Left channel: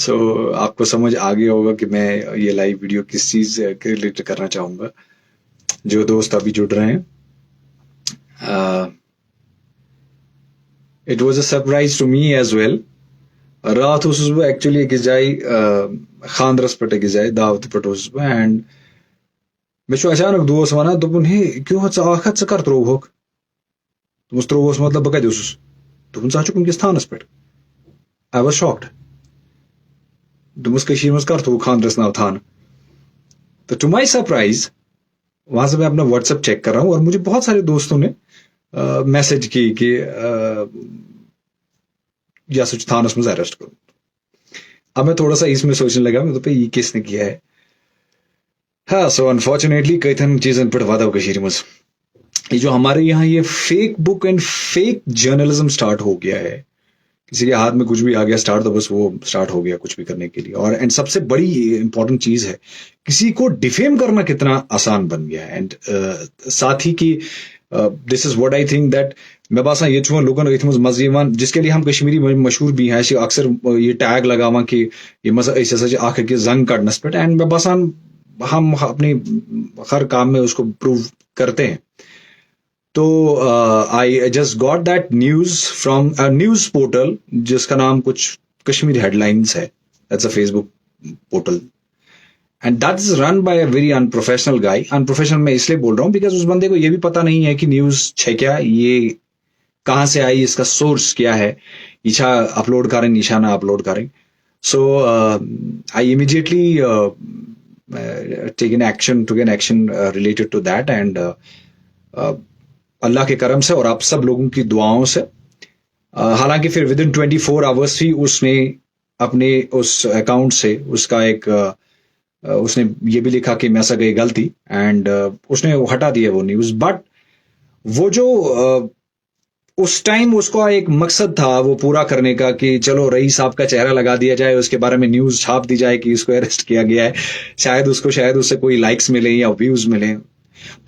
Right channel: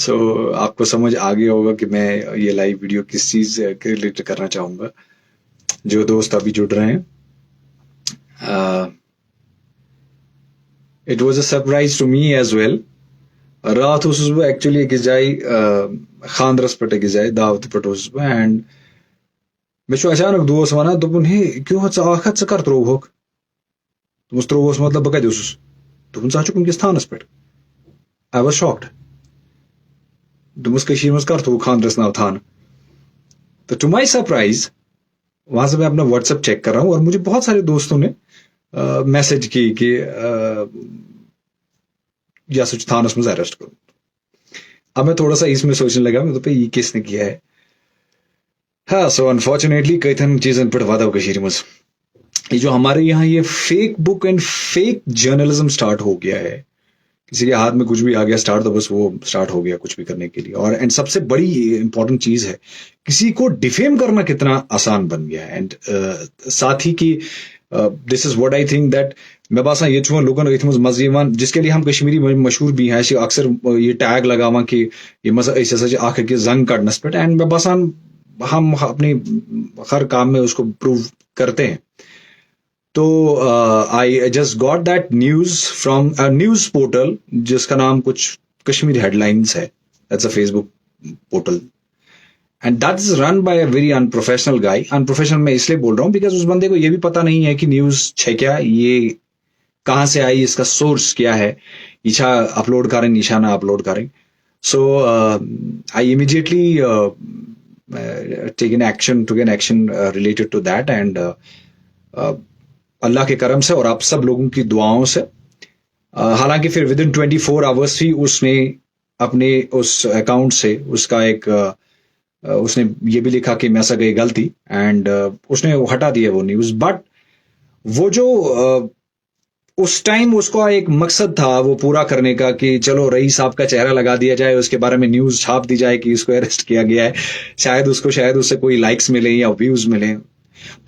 सो आपको समझ आ गया होगा कि मैं ये लाइव वीडियो किस चीज़ के रिलेटेड करना चाहूँगा। जो दोस्त अभी जुड़ रहे हैं, it was a surprise to me as well. रात ओसुस बह एक्चुअली अकिस जाय खानदरस पे अकिस जाय दावत पे ओसुस बह एंड मे अचानक दोस्त वन दोपन हे क्यों थ कर त्रोवक दोस त्रोवस मतलब बह कत ओसुस दोपन थ वनकस थानस पे। I was shocked. दोपस मज कर थो खानदरस नाव थान। तो टू माई सरप्राइज वहां से मैं अपना व्हाट्सएप चेक कर रहा हूँ और मुझे बहुत सारे दोस्तों ने मैसेज की कि या सोच थानस मज अरेस्ट करो। अब मैं थोड़ा सा इसमें सोचने लगा मैं तो ये किसने किया है। हाँ, सो अनफॉर्चुनेटली कई चीजन पे वादा मज ये जो हमारे यहाँ ये fake book and fake journalism start हो गया है। किसी के हाथ में कुछ भी आ गया स्टार्ट तो बस वो स्टार्ट हो गया कुछ भी करने के लिए। और एंड सबसे बड़ी इंपॉर्टेंट चीज है किसी को डिफेम करना कितना आसान बन गया है। एंड साथ ही की this is what I think that मैं बासा ये लोगन मजे जिसके लिए हम कश्मीरी मशहूर भी हैं अक्सर ये टैग लगावा कि ये मजा जंग कड़नस पे। एंड मैं बासान हम अपनी हर काम में उसको प्रूव करते हैं। तो I just got that news from a news portal जिसका नाम कुछ कश्मीर हेडलाइंस है। That's a Facebook portal and that is run by a very unprofessional guy. Unprofessional मैं इसलिए बोल रहा हूँ बिकॉज उस बंदे को ये भी पता नहीं है कि न्यूज है क्या, ये कहाँ से आई, इसका सोर्स क्या है, ईशा अपलोड करें ईशा ना अपलोड करें। So I immediately take an action to an action related to that. And Allah के करम से और आप सब लोगों की दुआओं से हालांकि फिर विद इन 24 आवर्स ही उसने अपने उस अकाउंट से उसका एक उसने ये भी लिखा कि मैं ऐसा गई गलती एंड उसने हटा दिया वो न्यूज। बट वो जो उस टाइम उसका एक मकसद था वो पूरा करने का कि चलो रईस साहब का चेहरा लगा दिया जाए, उसके बारे में न्यूज छाप दी जाए कि इसको अरेस्ट किया गया है, शायद उससे कोई लाइक्स मिले या व्यूज मिले।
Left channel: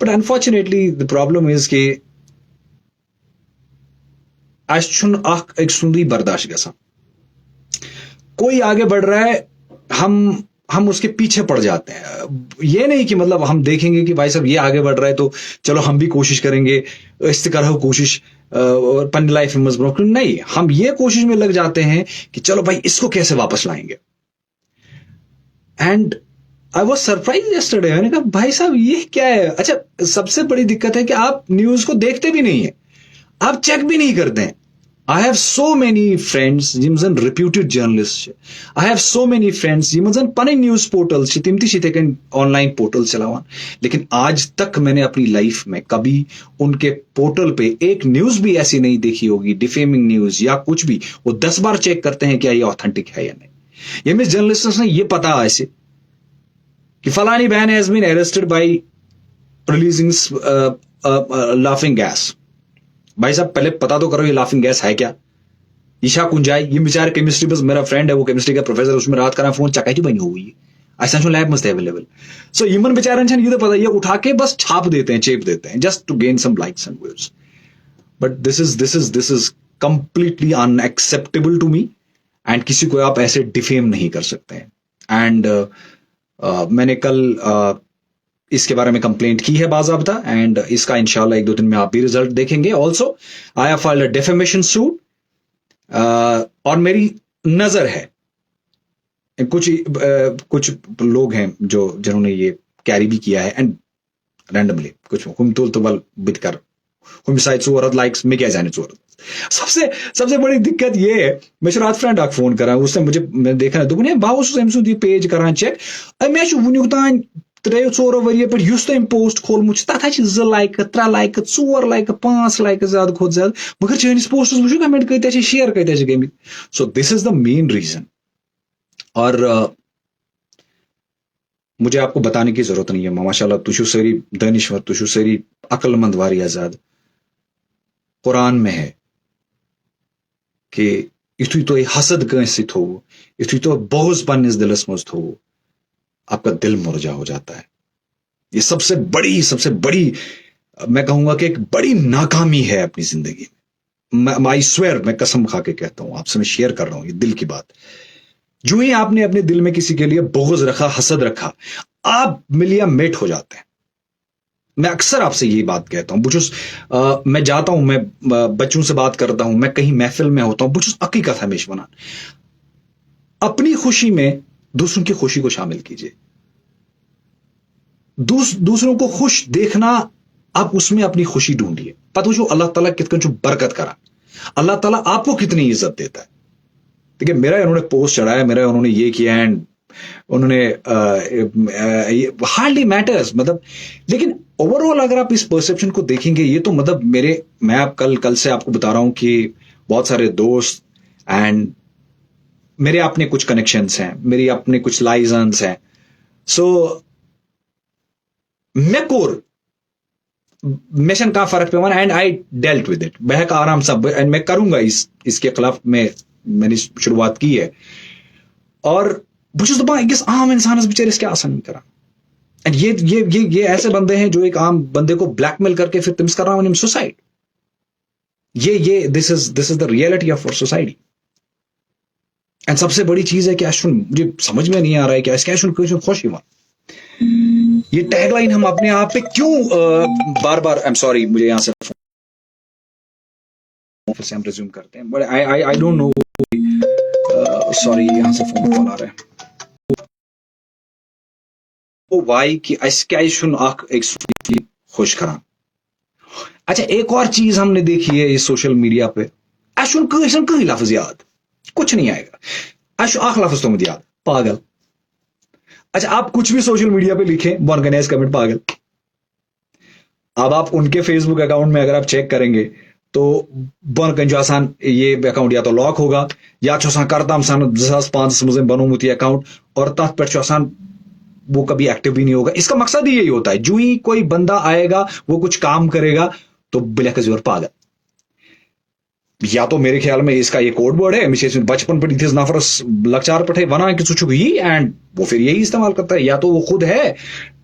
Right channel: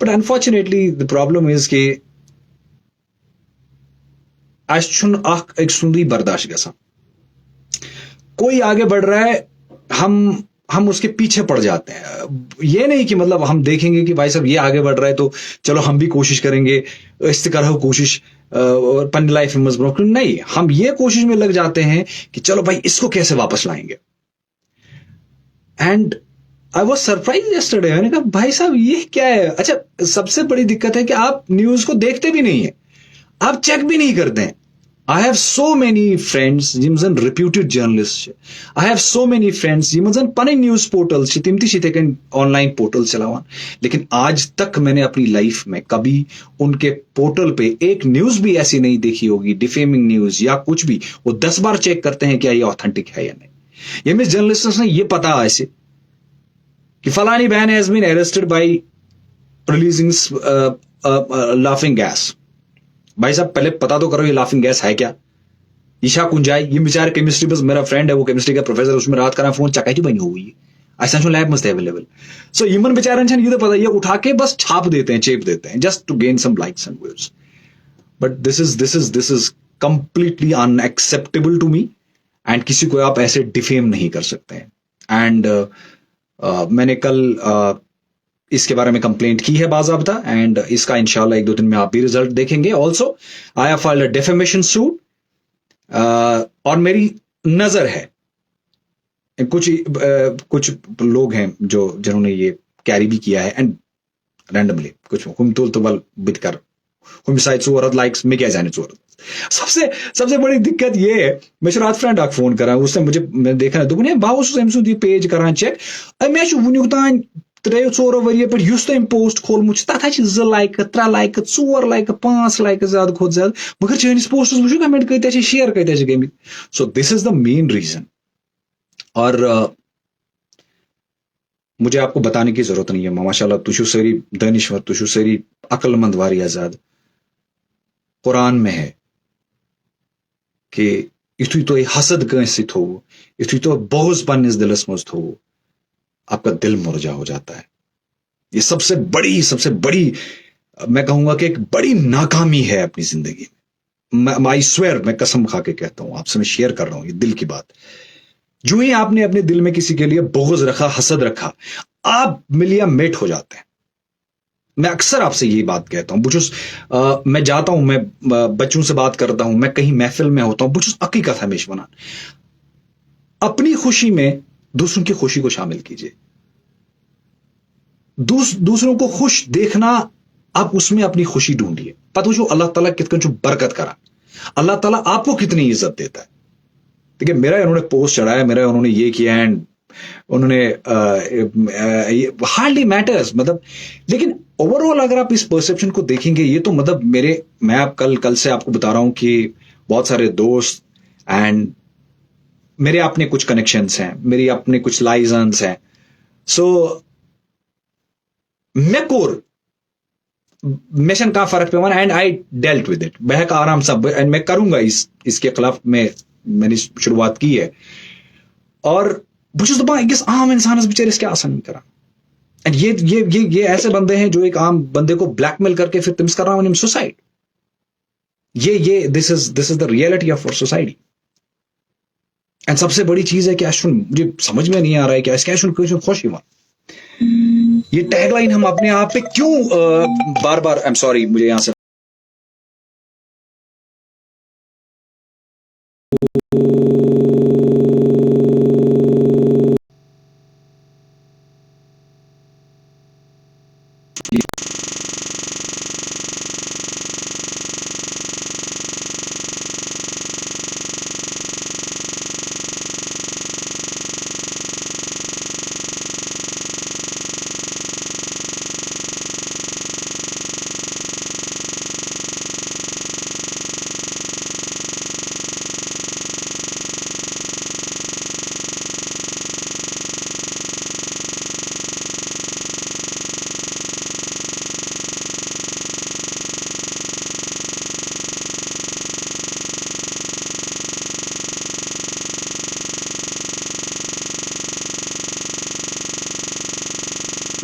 But unfortunately the problem is कि एक सुंदरी बर्दाश्त गसा कोई आगे बढ़ रहा है हम उसके पीछे पड़ जाते हैं। ये नहीं कि मतलब हम देखेंगे कि भाई साहब ये आगे बढ़ रहा है तो चलो हम भी कोशिश करेंगे इस तरह कोशिश पन लाइफ में मजबूत नहीं, हम ये कोशिश में लग जाते हैं कि चलो भाई इसको कैसे वापस लाएंगे। And I was surprise yesterday, मैंने कहा भाई साहब ये क्या है। अच्छा सबसे बड़ी दिक्कत है कि आप न्यूज को देखते भी नहीं है, आप चेक भी नहीं करते हैं। I have so many friends gym जन reputed journalists I have so many friends gym जन पने न्यूज पोर्टल तिम ती ऑनलाइन पोर्टल चलावान, लेकिन आज तक मैंने अपनी लाइफ में कभी उनके पोर्टल पे एक न्यूज भी ऐसी नहीं देखी होगी डिफेमिंग न्यूज या कुछ भी। वो 10 बार चेक करते हैं क्या ये ऑथेंटिक है या नहीं। ये मिस जर्नलिस्ट ने ये पता ऐसे कि फलानी बहन has been arrested by releasing laughing gas. भाई साहब पहले पता तो करो ये लाफिंग गैस है क्या। ईशा कुंजाई ये बेचारे केमिस्ट्री बस मेरा फ्रेंड है वो केमिस्ट्री का प्रोफेसर, उसमें रात का फोन चकाई बनी हुई है ऐसा लैब मस्त अवेलेबल। सो ह्यूमन बेचारे ये तो पता ये उठा के बस छाप देते हैं चेप देते हैं just to gain some likes and views. But this is completely unacceptable to me and किसी को आप ऐसे डिफेम नहीं कर सकते हैं। एंड मैंने कल इसके बारे में कंप्लेंट की है बाज़ाब्ता एंड इसका इंशाल्लाह 1-2 दिन में आप भी रिजल्ट देखेंगे। Also I have filed a defamation suit और मेरी नजर है कुछ लोग हैं जिन्होंने ये कैरी भी किया है एंड रैंडमली कुछ तो बल बित कर शायद चोरत लाइक्स में क्या जाने चोरत। सबसे बड़ी दिक्कत ये है मैं रात फ्रेंड अख फोन करा उसने मुझे देखा दोपन बहुत ये पेज कर चेक मे वुक तान 3-4 वरियो पे तुम पोस्ट खोलमुत तथा 2 लाइक 3 लाइक 4 लाइक 5 लाइक ज्यादा खुद ज्यादा मगर चैनिस पोस्ट वो कमेंट कत शेयर कत गमित। So this is the main reason. और मुझे आपको बताने की जरूरत नहीं है माशाल्लाह तुझु सारी दानिश्वर तुझु सारी अक्लमंद वारिया ज्यादा। कुरान में है कि युथु तो हसद कंस थो युथु तो बोझ पन्निस दिलस मज थो आपका दिल मुरझा हो जाता है। ये सबसे बड़ी मैं कहूंगा कि एक बड़ी नाकामी है अपनी जिंदगी में। आई स्वेयर मैं कसम खा के कहता हूं आपसे मैं शेयर कर रहा हूं ये दिल की बात जो ही आपने अपने दिल में किसी के लिए बुग़्ज़ रखा, हसद रखा, आप मिलिया मेट हो जाते हैं। मैं अक्सर आपसे यही बात कहता हूं। मैं जाता हूं, मैं बच्चों से बात करता हूं, मैं कहीं महफिल में होता हूं, बुझुस हकीकत हमेश बना अपनी खुशी में दूसरों की खुशी को शामिल कीजिए। दूसरों को खुश देखना, आप उसमें अपनी खुशी ढूंढिए। पता जो अल्लाह ताला कितनी बरकत करा, अल्लाह ताला आपको कितनी इज्जत देता है। देखिए, मेरा उन्होंने पोस्ट चढ़ाया, मेरा उन्होंने ये किया, एंड उन्होंने हार्डली मैटर्स, मतलब। लेकिन ओवरऑल अगर आप इस परसेप्शन को देखेंगे, ये तो मतलब मैं आप कल से आपको बता रहा हूं कि बहुत सारे दोस्त एंड मेरे अपने कुछ कनेक्शंस हैं, मेरी अपने कुछ लाइजन्स हैं। सो मैं कोर मिशन का फर्क पे and I dealt with it बहक आराम सा, एंड मैं करूंगा इसके खिलाफ। मैंने शुरुआत की है, और बस अकिस आम इंसानस बेचारिस क्या आसान करा। एंड ये ऐसे बंदे हैं जो एक आम बंदे को ब्लैकमेल करके फिर तमिस कर रहा हूं सुसाइड। ये this is the reality of our society. And सबसे बड़ी चीज है कि मुझे समझ में नहीं आ रहा है कि इसके खुश ही ये टैगलाइन हम अपने आप पे क्यों बार बार, आई एम सॉरी, मुझे यहां से हम रिज्यूम करते हैं, but I don't know, sorry, यहां से फोन कॉल आ रहा है। ओ वाई कि एक खुश करा। अच्छा, एक और चीज हमने देखी है इस सोशल मीडिया पे, कहीं लफ्ज याद कुछ नहीं आएगा, आख लफ्ज तो मुझे याद, पागल। अच्छा, आप कुछ भी सोशल मीडिया पे लिखें, ऑर्गेनाइज कमेंट पागल। अब आप उनके फेसबुक अकाउंट में अगर आप चेक करेंगे तो बन जो आसान ये अकाउंट या तो लॉक होगा या करता हम 2005 मज बनोमुत ये अकाउंट, और तथ पे आसान वो कभी एक्टिव भी नहीं होगा। इसका मकसद ही यही होता है, जो ही कोई बंदा आएगा वो कुछ काम करेगा तो बिलक जोर पागल। या तो मेरे ख्याल में इसका ये कोड वर्ड है, बचपन पर इस नफर लचार पठे वना कि ही, एंड वो फिर यही इस्तेमाल करता है। या तो वो खुद है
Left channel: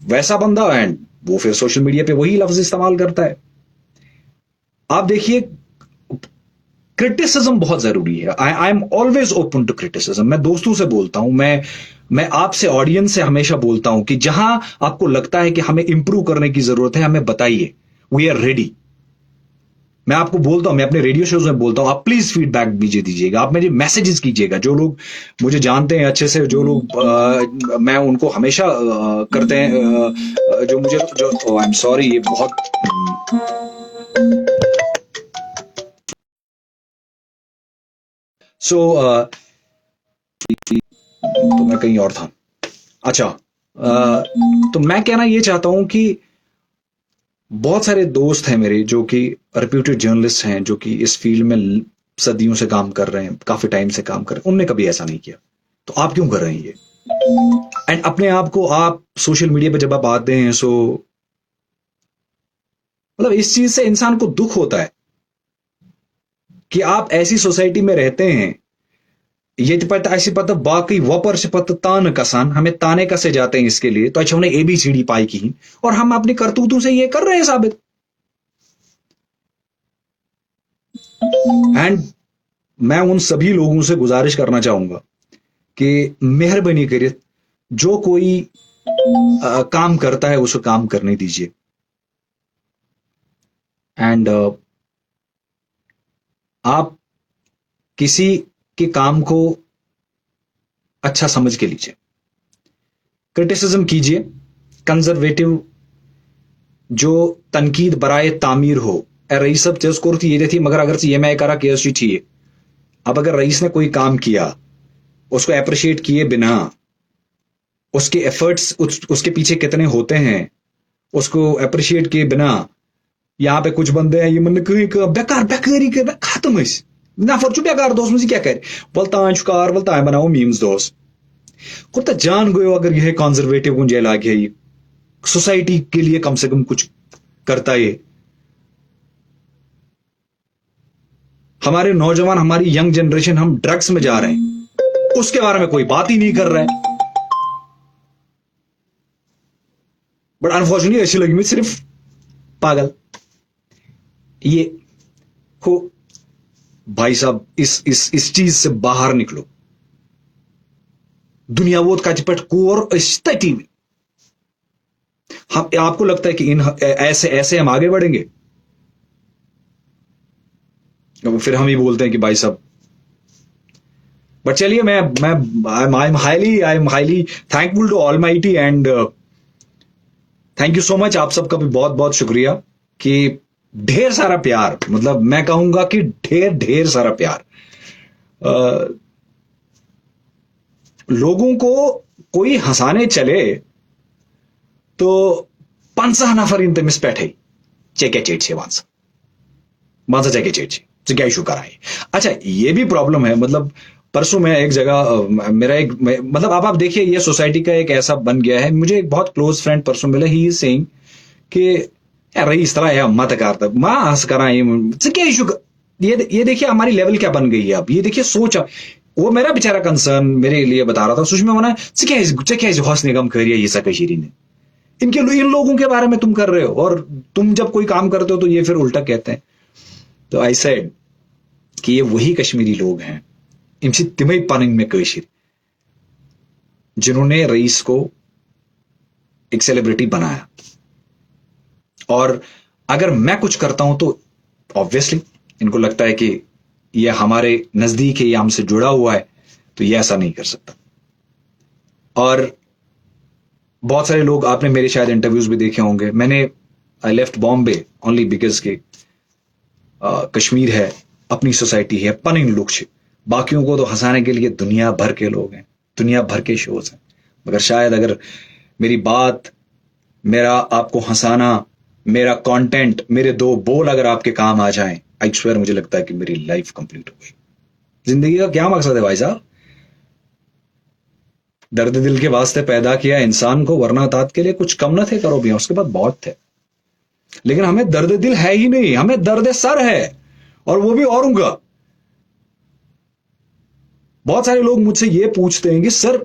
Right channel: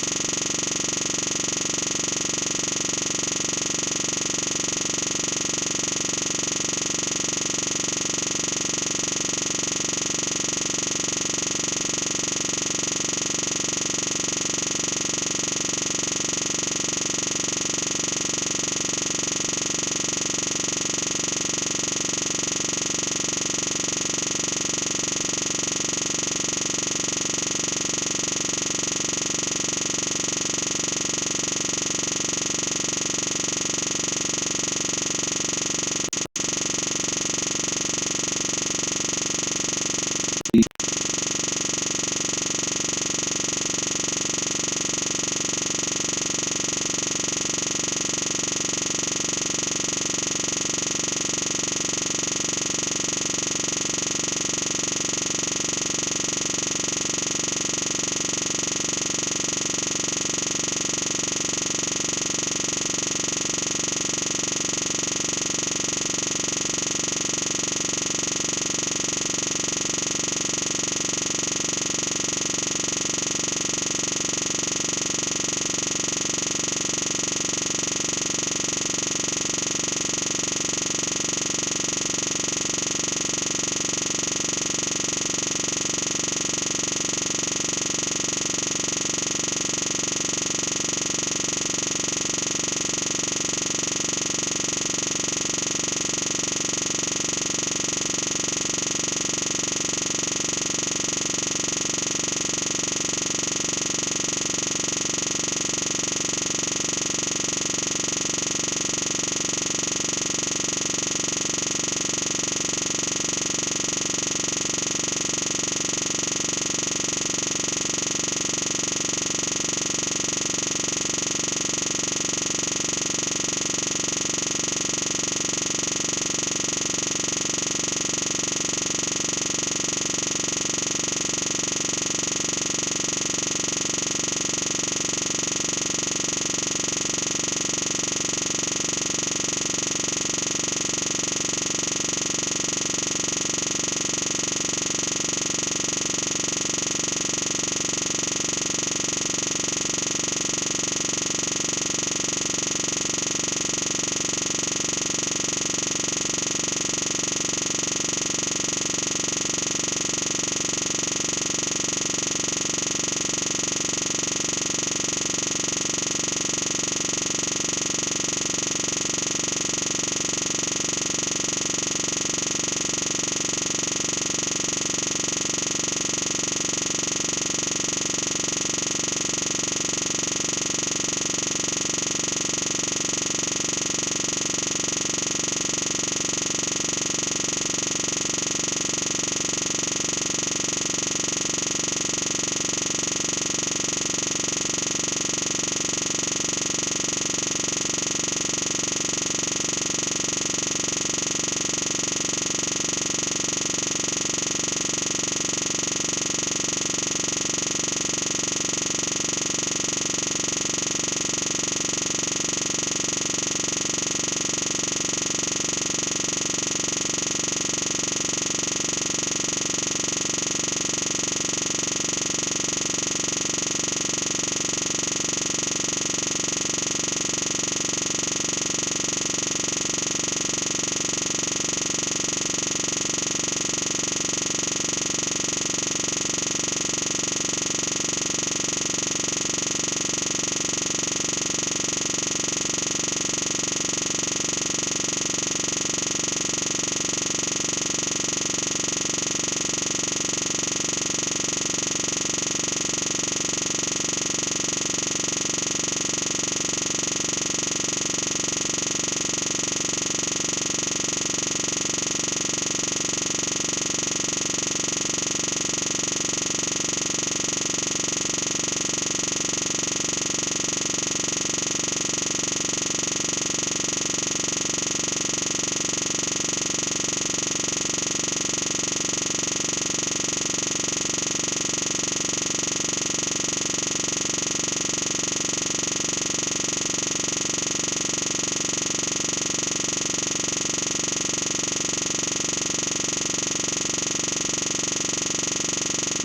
वैसा बंदा एंड वो फिर सोशल मीडिया पे वही लफ्ज इस्तेमाल करता है। आप देखिए, क्रिटिसिज्म बहुत जरूरी है। I am always open to criticism. मैं दोस्तों से बोलता हूं, मैं आपसे, ऑडियंस से हमेशा बोलता हूं कि जहां आपको लगता है कि हमें इंप्रूव करने की जरूरत है, हमें बताइए, वी आर रेडी। मैं आपको बोलता हूं, मैं अपने रेडियो शोज में बोलता हूं, आप प्लीज फीडबैक दीजिएगा, आप मुझे मैसेजेस कीजिएगा। जो लोग मुझे जानते हैं अच्छे से, जो लोग मैं उनको हमेशा करते हैं, जो मुझे जो आई एम सॉरी, ये बहुत मैं कहीं और था। अच्छा, तो मैं कहना ये चाहता हूं कि बहुत सारे दोस्त हैं मेरे जो कि रेप्यूटेड जर्नलिस्ट हैं, जो कि इस फील्ड में सदियों से काम कर रहे हैं, काफ़ी टाइम से काम कर रहे हैं, उनने कभी ऐसा नहीं किया, तो आप क्यों कर रहे हैं? एंड अपने आप को आप सोशल मीडिया पे जब आप आते हैं, सो मतलब इस चीज़ से इंसान को दुख होता है कि आप ऐसी सोसाइटी में रहते हैं, ये पता ऐसी पता बाकी वपर से पता तान कसान, हमें ताने कसे जाते हैं इसके लिए, तो अच्छा उन्हें ABCD पाई की, और हम अपनी करतूतों से ये कर रहे हैं साबित। एंड मैं उन सभी लोगों से गुजारिश करना चाहूंगा कि मेहरबानी करिए, जो कोई काम करता है उसको काम करने दीजिए, एंड आप किसी के काम को अच्छा समझ के लीजिए, क्रिटिसिज्म कीजिए, कंजर्वेटिव जो तनकीद बराए तामीर हो। रईस ये देखिए, मगर अगर ये मैं करा कि चाहिए, अब अगर रईस ने कोई काम किया, उसको अप्रिशिएट किए बिना, उसके एफर्ट्स उसके पीछे कितने होते हैं उसको अप्रिशिएट किए बिना, यहाँ पे कुछ बंदे हैं ये मतलब बेकार बेकारी के खत्म नफर चुप बेकार दोस्त मुझे क्या कहे बोलता कार बोलता है बनाओ मीम्स दोस्त को तो जान गयो, अगर यह कंजर्वेटिव गुंजे लागे ये सोसाइटी के लिए कम से कम कुछ करता है। हमारे नौजवान, हमारी यंग जनरेशन, हम ड्रग्स में जा रहे हैं, उसके बारे में कोई बात ही नहीं कर रहा है। बट अनफॉर्चुनेटली अच्छी लगी मुझे सिर्फ पागल ये को भाई साहब इस चीज से बाहर निकलो। दुनिया वोत कच पे कोर तथी। हम आपको लगता है कि इन ऐसे ऐसे हम आगे बढ़ेंगे? तो फिर हम ही बोलते हैं कि भाई साहब। बट चलिए मैं I am highly thankful to almighty and thank you so much. आप सबका भी बहुत बहुत शुक्रिया कि ढेर सारा प्यार, मतलब मैं कहूंगा कि ढेर ढेर सारा प्यार। लोगों को कोई हंसाने चले तो 50 नफर इन तमिस पे चेके चेचे वहां चेके चेचे क्या इशू कराए। अच्छा ये भी प्रॉब्लम है, मतलब परसों मैं एक जगह मेरा एक मतलब आप देखिए ये सोसाइटी का एक ऐसा बन गया है। मुझे एक बहुत क्लोज फ्रेंड परसों मिला, ही इज सेइंग कि यार इस तरह है मत करता माँ हंस कराए क्या इशू। ये देखिए हमारी लेवल क्या बन गई है अब। ये देखिए सोच, वो मेरा बेचारा कंसर्न मेरे लिए बता रहा था। सुषमा होना क्या हौसले कम करिए ये सब कही इनके इन लोगों के बारे में तुम कर रहे हो, और तुम जब कोई काम करते हो तो ये फिर उल्टा कहते हैं। तो आई सेड कि ये वही कश्मीरी लोग हैं इनसे तिमई पानिंग में कशिर जिन्होंने रईस को एक सेलिब्रिटी बनाया। और अगर मैं कुछ करता हूं तो ऑब्वियसली इनको लगता है कि ये हमारे नज़दीक है, ये हमसे जुड़ा हुआ है, तो ये ऐसा नहीं कर सकता। और बहुत सारे लोग, आपने मेरे शायद इंटरव्यूज़ भी देखे होंगे, मैंने I left Bombay only because के कश्मीर है, अपनी सोसाइटी है, पनिंग लोग से बाकियों को तो हंसाने के लिए दुनिया भर के लोग हैं, दुनिया भर के शोज। अगर शायद अगर मेरी बात, मेरा आपको हंसाना, मेरा कंटेंट, मेरे दो बोल अगर आपके काम आ जाएं, आई स्वेयर मुझे लगता है कि मेरी लाइफ कंप्लीट हो गई। जिंदगी का क्या मकसद है भाई साहब? दर्द दिल के वास्ते पैदा किया इंसान को, वरना तात के लिए कुछ कम न थे करो भी, उसके बाद बहुत थे। लेकिन हमें दर्द दिल है ही नहीं, हमें दर्द सर है, और वो भी औरों का। बहुत सारे लोग मुझसे ये पूछते हैं कि सर,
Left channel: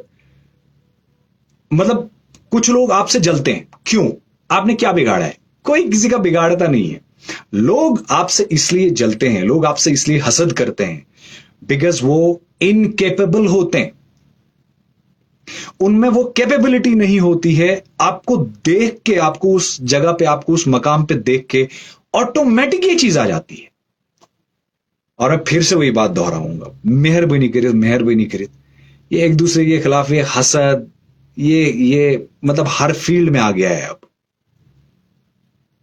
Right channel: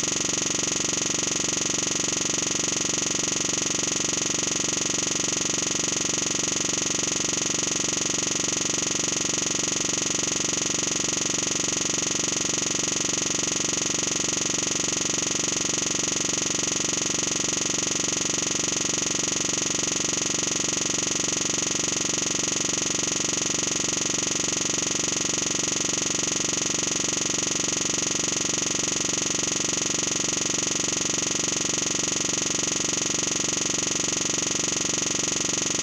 मतलब कुछ लोग आपसे जलते हैं, क्यों? आपने क्या बिगाड़ा है? कोई किसी का बिगाड़ता नहीं है। लोग आपसे इसलिए जलते हैं, लोग आपसे इसलिए हसद करते हैं बिकॉज वो इनकेपेबल होते हैं, उनमें वो कैपेबिलिटी नहीं होती है। आपको देख के, आपको उस जगह पे, आपको उस मकाम पे देख के ऑटोमेटिक ये चीज आ जाती है। और मैं फिर से वही बात दोहराऊंगा, मेहरबानी करे, मेहरबानी करे, ये एक दूसरे के खिलाफ ये हसद, ये मतलब हर फील्ड में आ गया है।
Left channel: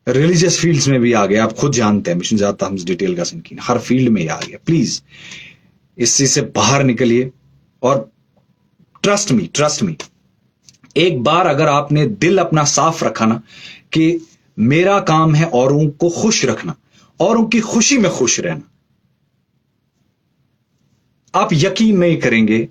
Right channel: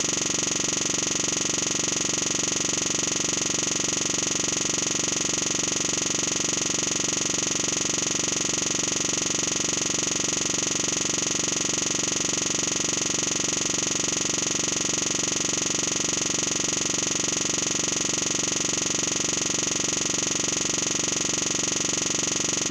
रिलीजियस फील्ड्स में भी आ गया, आप खुद जानते हैं, मिशन जाता हम डिटेल का समझिए, हर फील्ड में ही आ गया। प्लीज इस चीज से बाहर निकलिए और ट्रस्ट मी, एक बार अगर आपने दिल अपना साफ रखा ना कि मेरा काम है औरों को खुश रखना, औरों की खुशी में खुश रहना, आप यकीन नहीं करेंगे,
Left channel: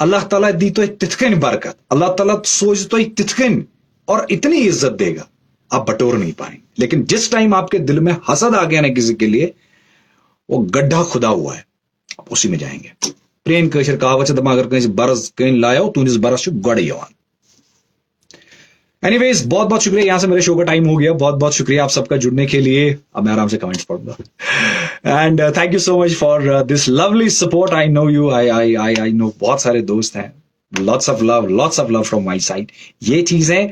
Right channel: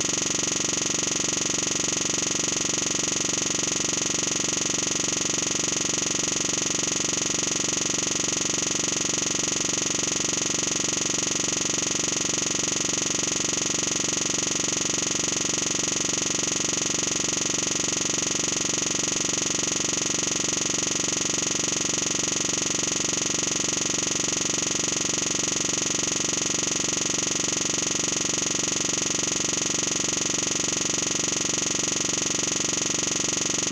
अल्लाह ताला दी तो तिथकन बरकत, अल्लाह ताला सोच तो तिथकन और इतनी इज्जत देगा, आप बटोर नहीं पाएंगे। लेकिन जिस टाइम आपके दिल में हसद आ गया ना किसी के लिए, वो गड्ढा खुदा हुआ है, उसी में जाएंगे। प्रेम कशर कहावत है, अगर कहीं बरस कहीं लाया हो तुझे बरस गड़ यवा। एनीवेज बहुत बहुत शुक्रिया, यहाँ से मेरे शो का टाइम हो गया। बहुत बहुत शुक्रिया आप सबका जुड़ने के लिए। अब मैं आराम से कमेंट्स पढ़ूंगा। And thank you so much for this lovely support. I know you, I know बहुत सारे दोस्त हैं। Lots of love from my side. ये चीज़ें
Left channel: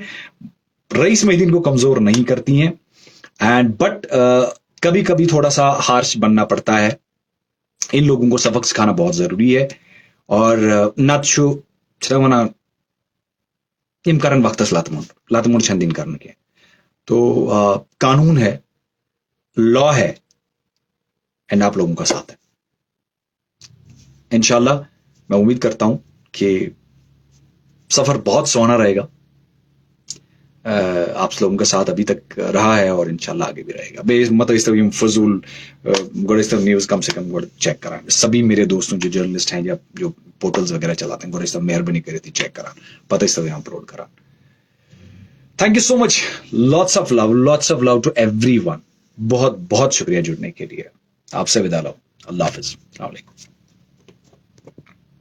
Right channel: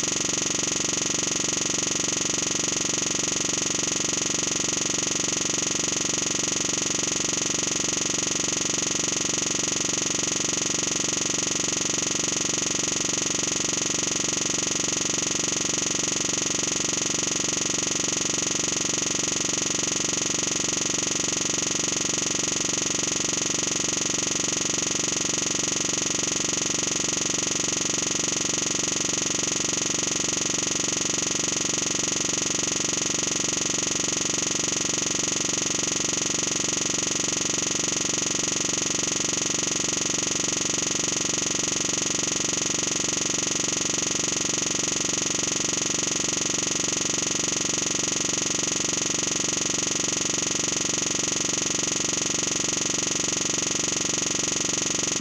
रईस मेहदीन को कमज़ोर नहीं करती हैं, एंड बट कभी कभी थोड़ा सा हार्श बनना पड़ता है। इन लोगों को सबक सिखाना बहुत ज़रूरी है। और नत शो चवना इम करन वक्त लातमुन छंदिन करने। तो कानून है, लॉ है, एंड आप लोगों का साथ है। इंशाल्लाह मैं उम्मीद करता हूँ कि सफ़र बहुत सोहना रहेगा। आप लोगों का साथ अभी तक रहा है और इंशाल्लाह आगे भी रहेगा। बे मतलब इस तरह फजूल बड़े सब न्यूज़ कम से कम बड़े चेक करा। सभी मेरे दोस्तों जो जर्नलिस्ट हैं या जो पोर्टल्स वगैरह चलाते हैं, बड़े सब मेहरबानी करे तो चेक करा, पता इस तरह अपलोड करा। Thank you so much, lots of love to everyone. बहुत बहुत शुक्रिया जुड़ने के लिए। आपसे विदा लो, अल्लाह हाफिज़।